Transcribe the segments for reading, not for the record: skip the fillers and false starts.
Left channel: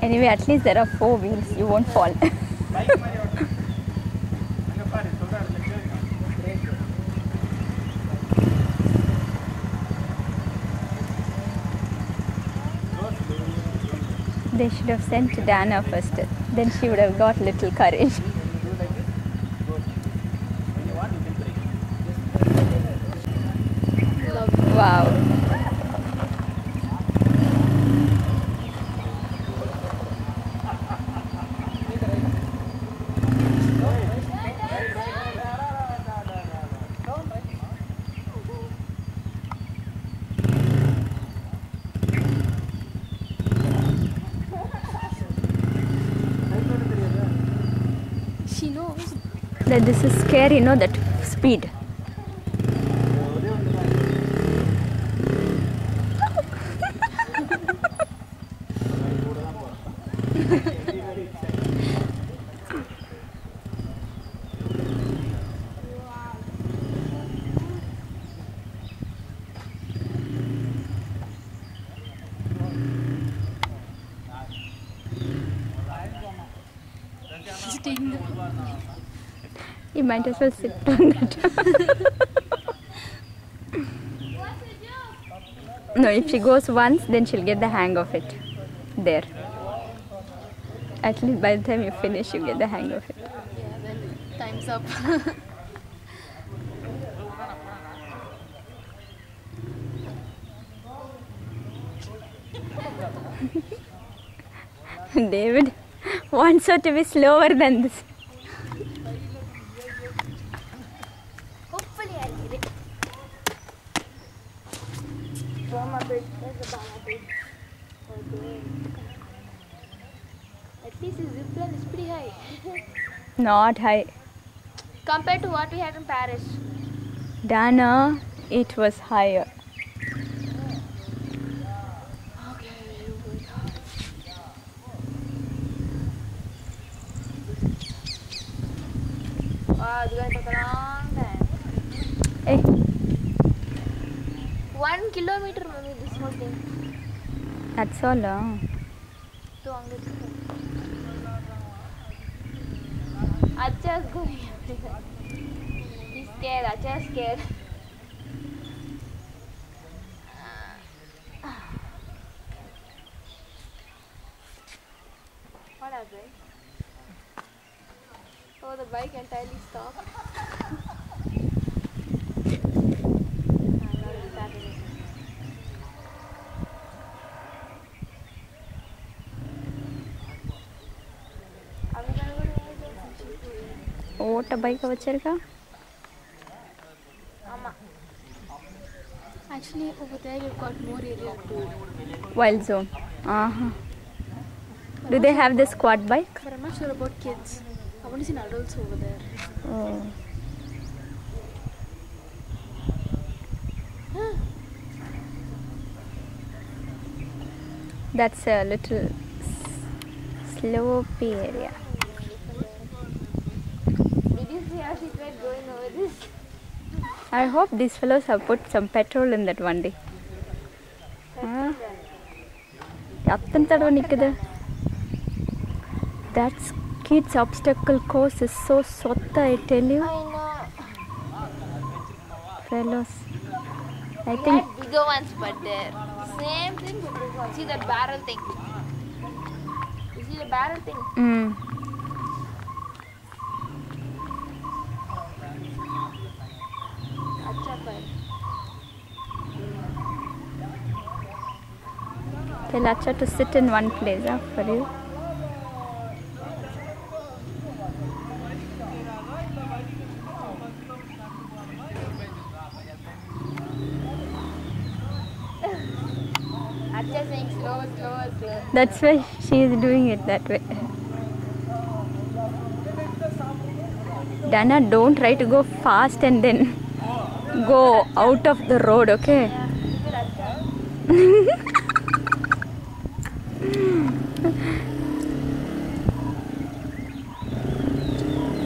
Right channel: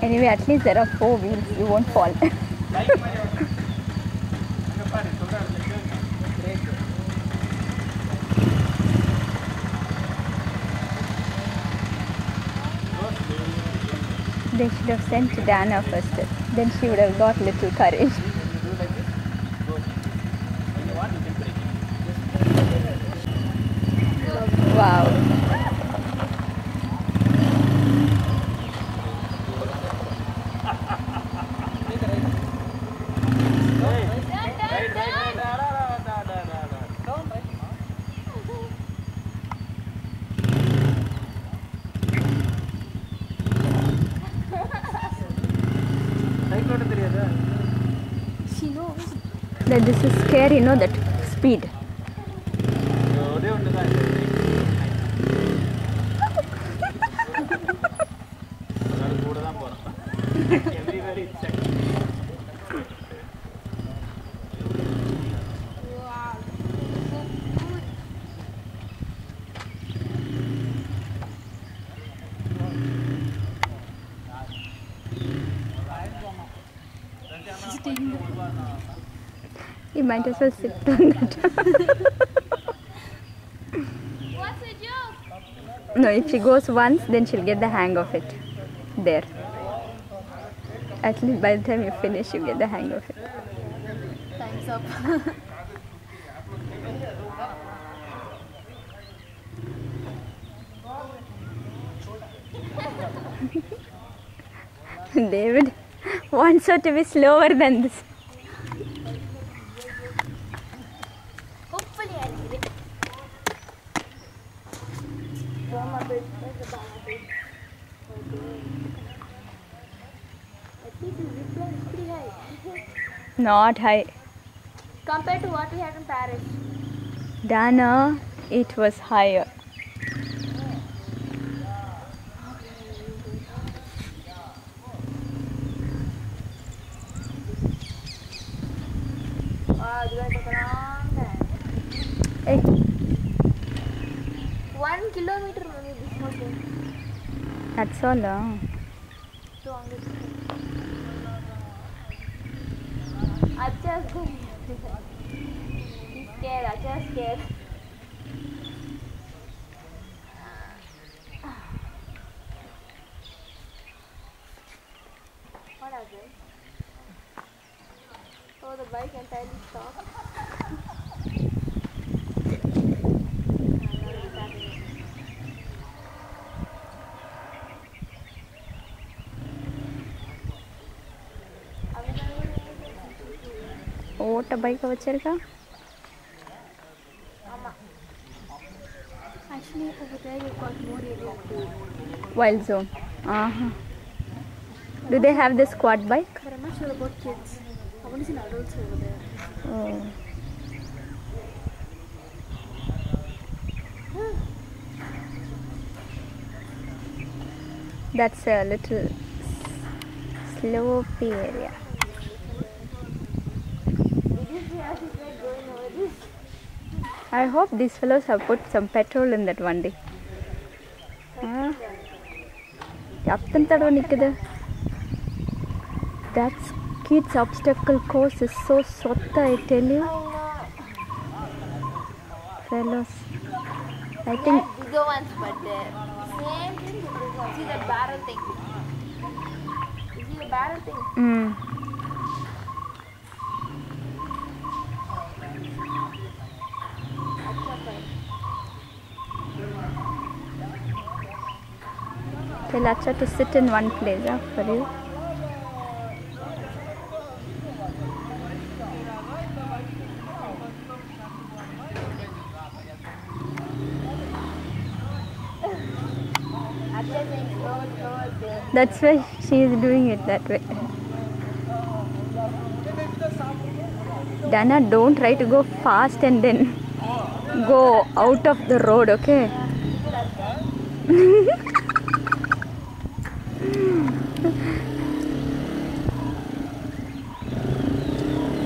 Anyway, at least there are 4 wheels. You won't fall. They should have sent Dana first. Then she would have got little courage. Wow. She knows That this is scary, no? That speed. You might as well sit on that. No, if she goes once, then she'll get the hang of it. There. At least by the time you finish, you get the hang of it. time's up. David wants her to be slower than this. Hopefully I'll get it. From a bit. Where's the banana bit? Okay. At least the zip line is pretty high. Not high. Compared to what we had in Paris. Dana, it was higher. Wow, it's going to take a long time. Hey, 1 kilometer only this whole thing. that's all. So I'm going to Acha's going. He's scared. Acha's scared. What happened? Oh, the bike entirely stopped. ஓட்ட பைக்கை வச்சிருக்கா? Actually, over there you've got more area to. Wild zone. Do they have the squad bike? But I'm not sure about kids. I want to see adults over there. Oh. That's a little slopey area. Did you see how she tried going over this? I hope these fellows have put some petrol in that one day. எத்தனை தடவை நிக்குது? That kids obstacle course is so sotta, I tell you. I know. Fellows, I We think had bigger ones, but they're same thing with this one. See that barrel thing? You see the barrel thing? Acha bike. tell Acha to sit in one place for you. Acha saying slow, slow, slow. That's why she is doing it that way. Dana, don't try to go fast and then go out of the road, okay?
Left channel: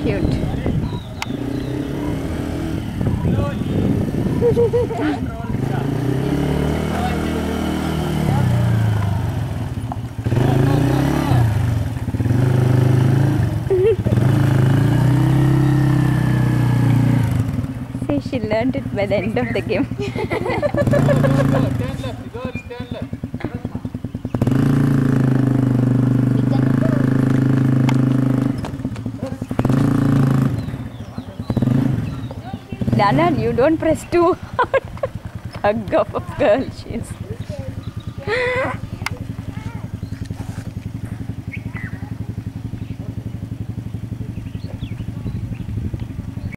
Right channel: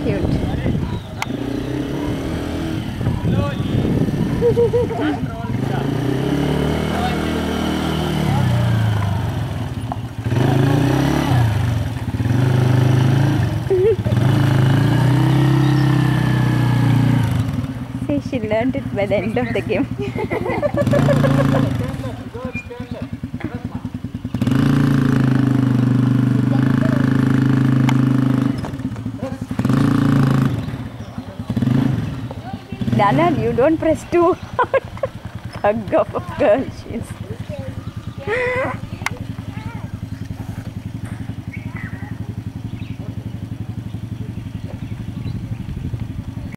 Cute. she learned it by the end of the game. Dana, you don't press too hard. Hug of a girl she is.